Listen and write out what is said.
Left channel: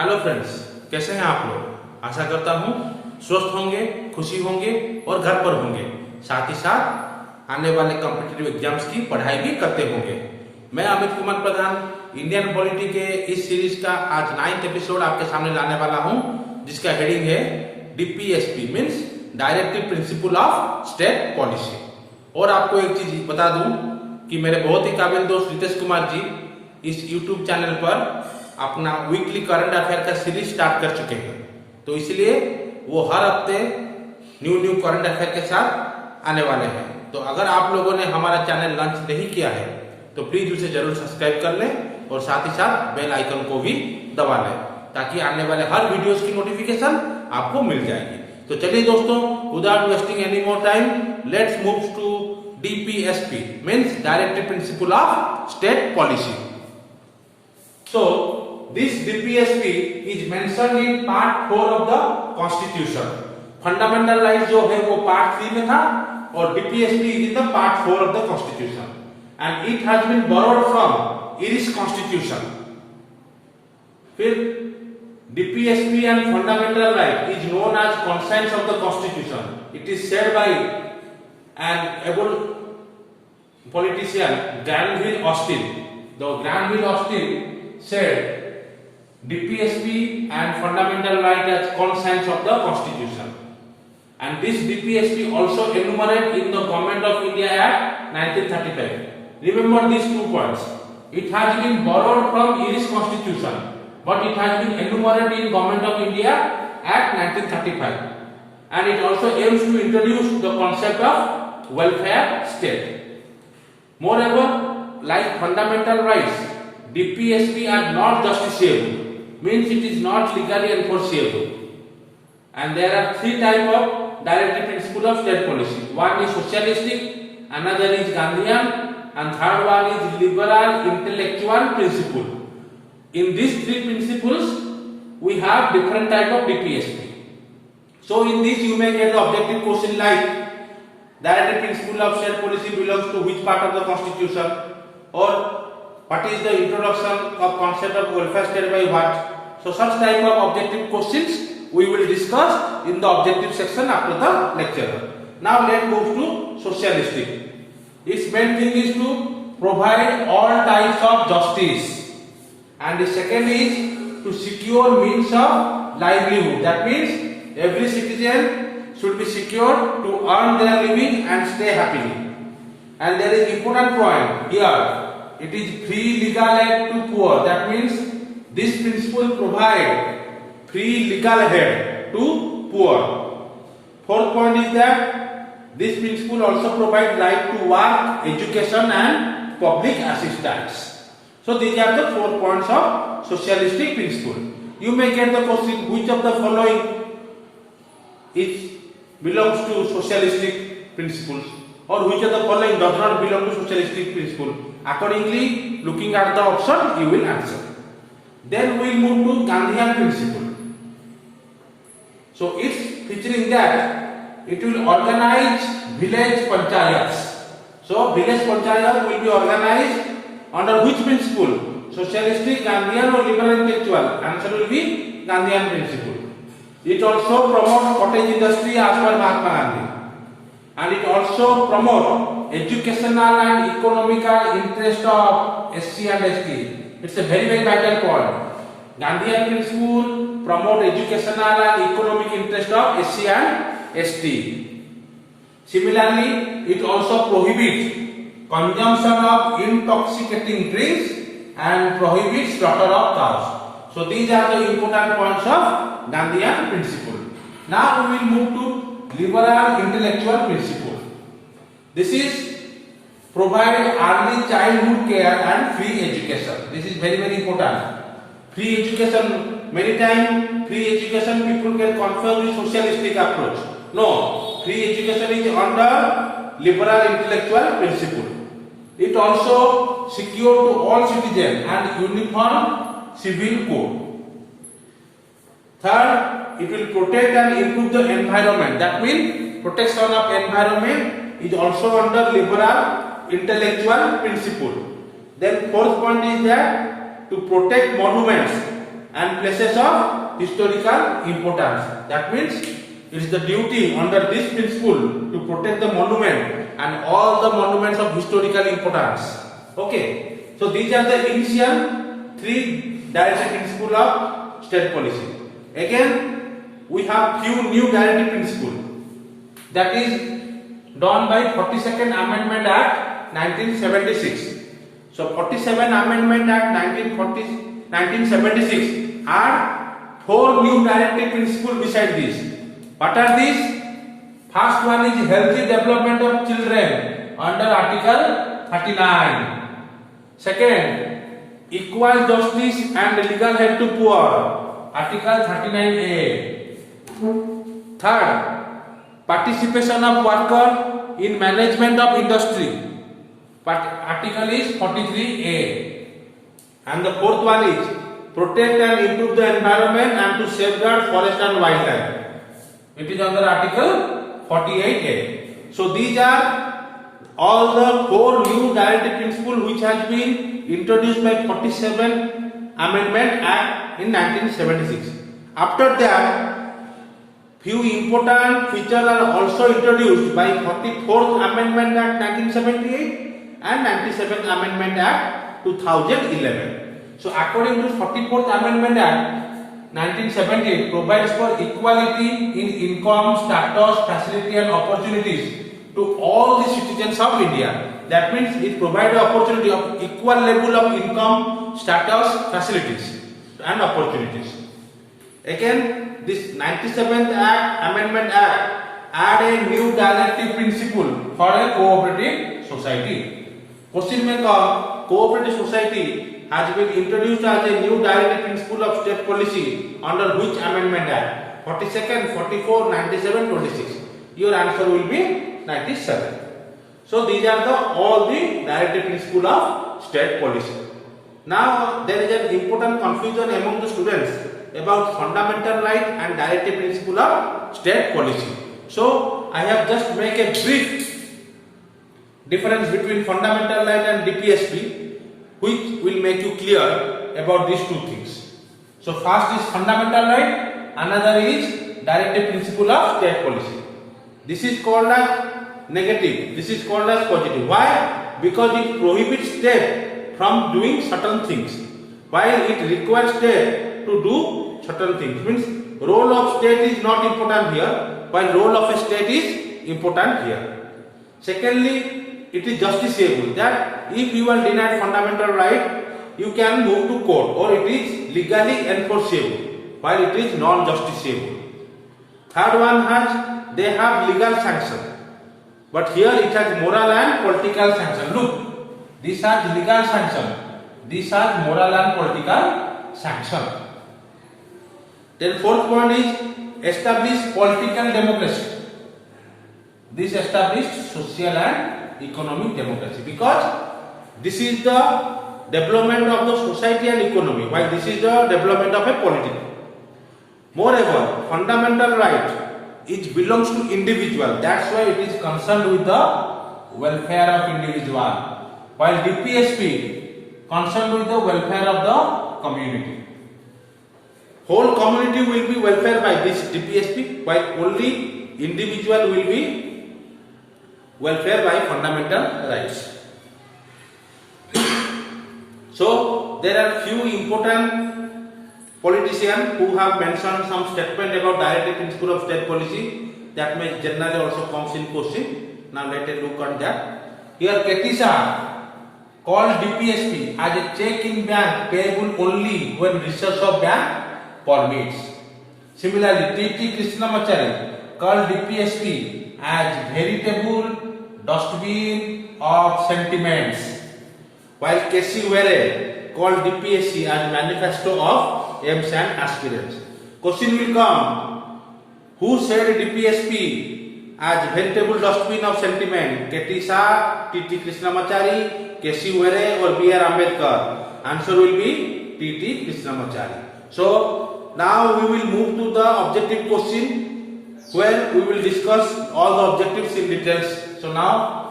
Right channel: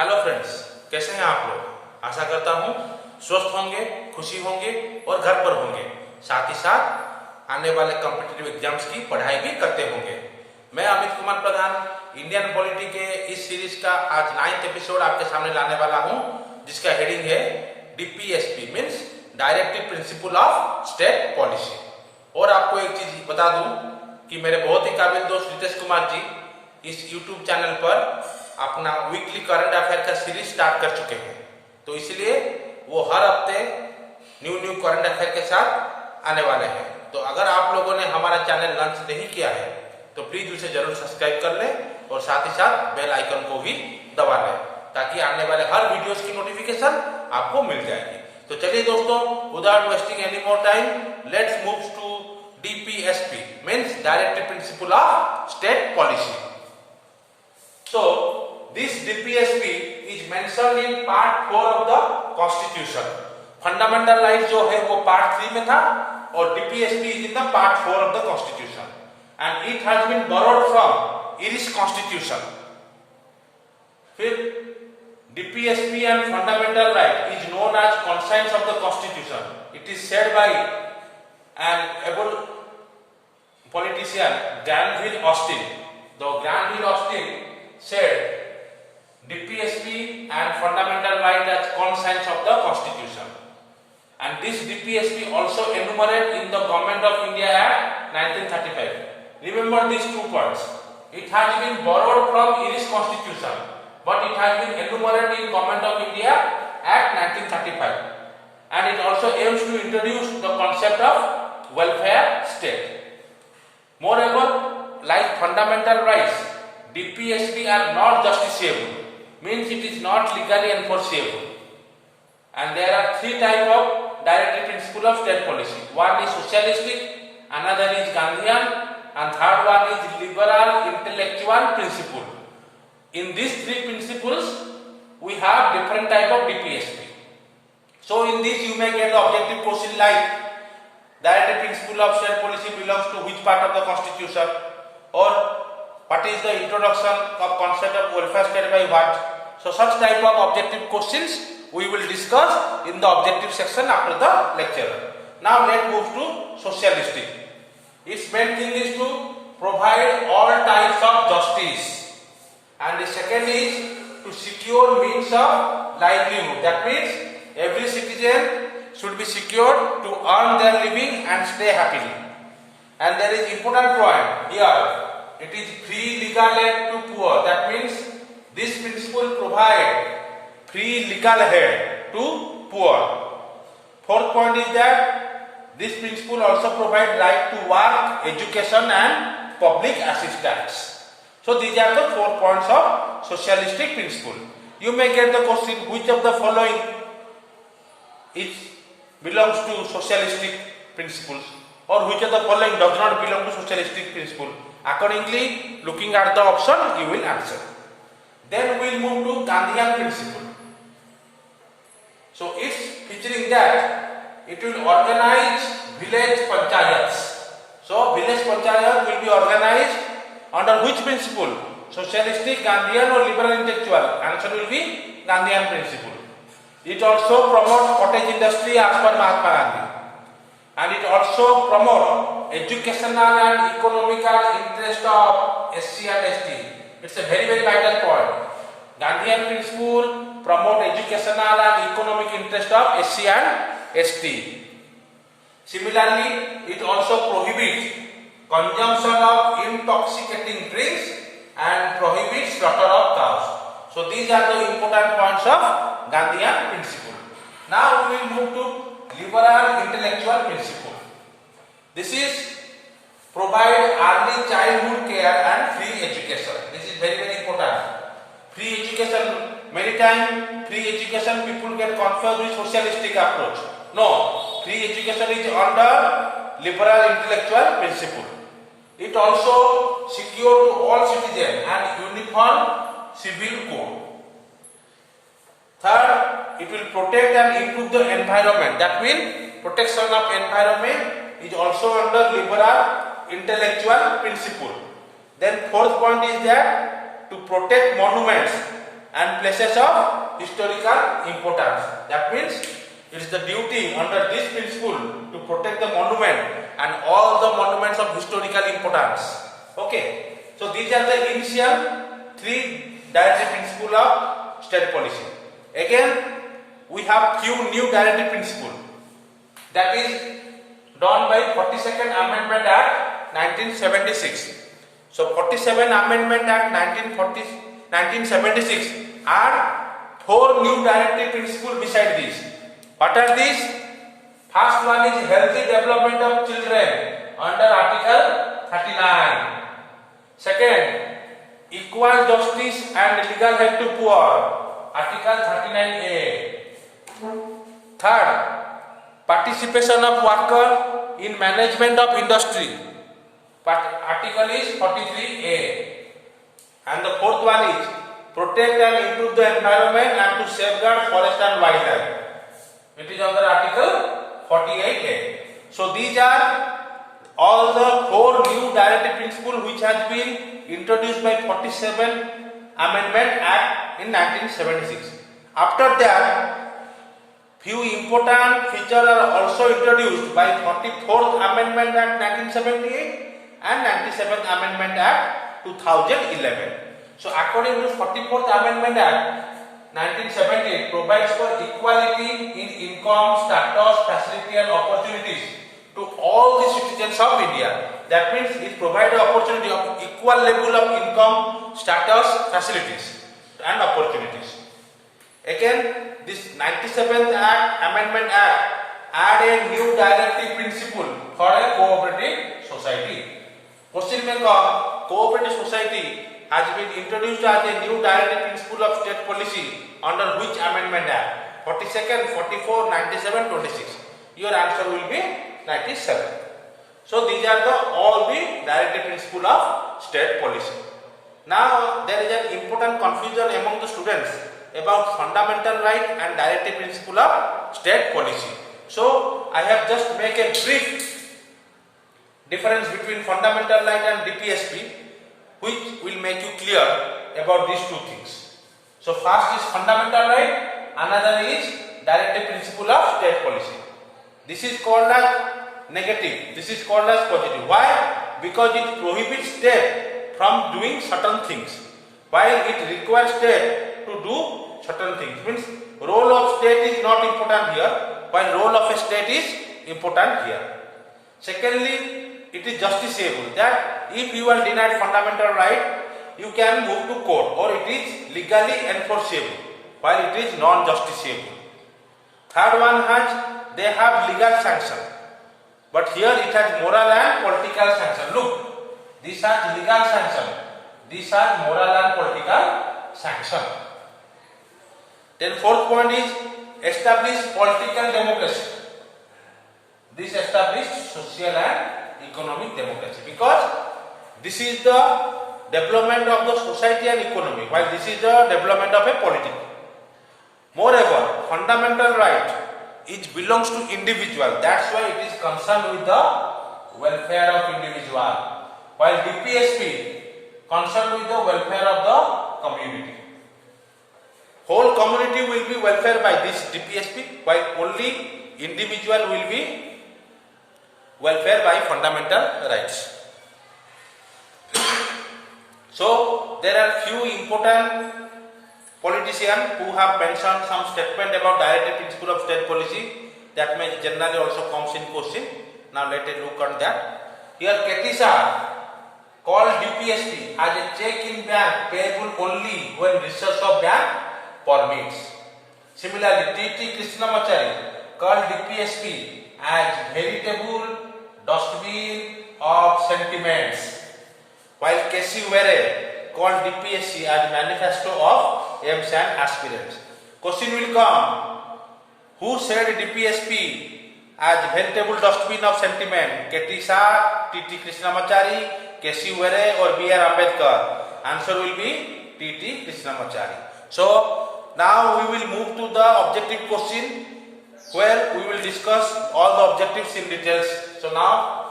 Hello friends, कैसे हैं आप लोग। आशा करता हूं स्वस्थ होंगे, खुशी होंगे और घर पर होंगे। साथ ही साथ आने वाले कॉम्पिटिटिव एग्जाम्स की पढ़ाई भी करते होंगे। मैं अमित प्रधान इंडियन पॉलिटी के इस सीरीज का आज 9th एपिसोड आपके सामने लाने वाला हूं, जिसका हेडिंग है DPSP means directive principle of state policy. और आपको एक चीज बता दूं कि मेरे बहुत ही काबिल दोस्त रितेश कुमार जी इस यूट्यूब चैनल पर अपना वीकली करंट अफेयर का सीरीज स्टार्ट कर चुके हैं। तो इसलिए वो हर हफ्ते न्यू करंट अफेयर के साथ आने वाले हैं। तो अगर आप लोगों ने हमारा चैनल लॉन्च नहीं किया है तो प्लीज उसे जरूर सब्सक्राइब कर लें और साथ ही साथ बेल आइकन को भी दबा लें, ताकि आने वाले हर वीडियोस की नोटिफिकेशन आपको मिल जाएगी। तो चलिए दोस्तों, without wasting any more time, let's move to DPSP means directive principle of state policy. So this DPSP is mentioned in part 4 of the Constitution. Fundamental right जो है वो पार्ट 3 में था और DPSP is in the part 4 of the Constitution and it has been borrowed from Irish Constitution. फिर DPSP and fundamental right is known as conscience of the Constitution. It is said by an able politician Granville Austin. The Granville Austin said DPSP and fundamental right as conscience of the Constitution, and this DPSP also enumerated in the Government of India Act 1935. Remember these 2 points. It has been borrowed from Irish Constitution, but it has been enumerated in Government of India Act 1935, and it also aims to introduce the concept of welfare state. Moreover, like fundamental rights, DPSP are not justiciable, means it is not legally enforceable. And there are 3 types of directive principle of state policy. One is socialistic, another is Gandhian, and third one is liberal intellectual principle. In these 3 principles, we have different type of DPSP. So in this you may get the objective question like directive principle of state policy belongs to which part of the Constitution, or what is the introduction of concept of welfare state by what? So such type of objective questions we will discuss in the objective section after the lecture. Now let's move to socialistic. Its main thing is to provide all types of justice, and the second is to secure means of livelihood. That means every citizen should be secured to earn their living and stay happily. And there is important point here. It is free legal aid to poor. That means this principle provide free legal aid to poor. Fourth point is that this principle also provide right to work, education and public assistance. So these are the 4 points of socialistic principle. You may get the question, which of the following belongs to socialistic principles, or which of the following does not belong to socialistic principle. Accordingly, looking at the option, you will answer. Then we will move to Gandhian principle. So it's featuring that it will organize village panchayats. So village panchayat will be organized under which principle? Socialistic, Gandhian or liberal intellectual? Answer will be Gandhian principle. It also promotes cottage industry as per Mahatma Gandhi. And it also promotes educational and economical interest of SC and ST. It's a very vital point. Gandhian principle promote educational and economic interest of SC and ST. Similarly, it also prohibits consumption of intoxicating drinks and prohibits slaughter of cows. So these are the important points of Gandhian principle. Now we will move to liberal intellectual principle. This is provide early childhood care and free education. This is very important. Free education, many times free education people get confused with socialistic approach. No, free education is under liberal intellectual principle. It also secure to all citizens and uniform civil code. Third, it will protect and improve the environment. That means protection of environment is also under liberal intellectual principle. Then fourth point is that to protect monuments and places of historical importance. That means it is the duty under this principle to protect the monument and all the monuments of historical importance. Okay, so these are the initial three directive principles of state policy. Again, we have few new directive principles that is done by 42nd Amendment Act 1976. So 47 Amendment Act 1976 are four new directive principles beside this. What are these? First one is healthy development of children under Article 39. Second, equal justice and legal help to poor, Article 39A. Third, participation of worker in management of industry, article is 43A. And the fourth one is protect and improve the environment and to safeguard forest and wildlife. It is under article 48A. So these are all the four new directive principles which has been introduced by 47 Amendment Act in 1976. After that, few important features are also introduced by 44th Amendment Act 1978 and 97th Amendment Act 2011. So according to 44th Amendment Act 1978 provides for equality in income, status, facility and opportunities to all the citizens of India. That means it provides the opportunity of equal level of income, status, facilities and opportunities. Again, this 97th Amendment Act add a new directive principle for a cooperative society. Question may come, cooperative society has been introduced as a new directive principle of state policy under which Amendment Act? 42nd, 44, 97, 26. Your answer will be 97. So these are all the directive principle of state policy. Now there is an important confusion among the students about fundamental right and directive principle of state policy. So I have just make a brief difference between fundamental right and DPSP, which will make you clear about these two things. So first is fundamental right, another is directive principle of state policy. This is called as negative, this is called as positive. Why? Because it prohibits state from doing certain things, while it requires state to do certain things. Means role of state is not important here, while role of a state is important here. Secondly, it is justiciable, that if you are denied fundamental right, you can move to court or it is legally enforceable, while it is non-justiciable. Third one has, they have legal sanction, but here it has moral and political sanction. Look, these are legal sanction, these are moral and political sanction. Then fourth point is establish political democracy. This established social and economic democracy, because this is the development of the society and economy, while this is the development of a polity. Moreover, fundamental right it belongs to individual, that's why it is concerned with the welfare of individual, while DPSP concerned with the welfare of the community. Whole community will be welfare by this DPSP, while only individual will be welfare by fundamental rights. So there are few important politicians who have mentioned some statement about directive principle of state policy that may generally also comes in question. Now let us look at that. Here Ketisa called DPSP as a check in bank payable only when resource of bank permits. Similarly, T.T. Krishnamachari called DPSP as veritable dustbin of sentiments, while K.C. Were called DPSP as manifesto of aims and aspirations. Question will come, who said DPSP as veritable dustbin of sentiment? K.T. Shah, T.T. Krishnamachari, K.C. Were or B.R. Ambedkar? Answer will be T.T. Krishnamachari. So now we will move to the objective question, where we will discuss all the objectives in details. So now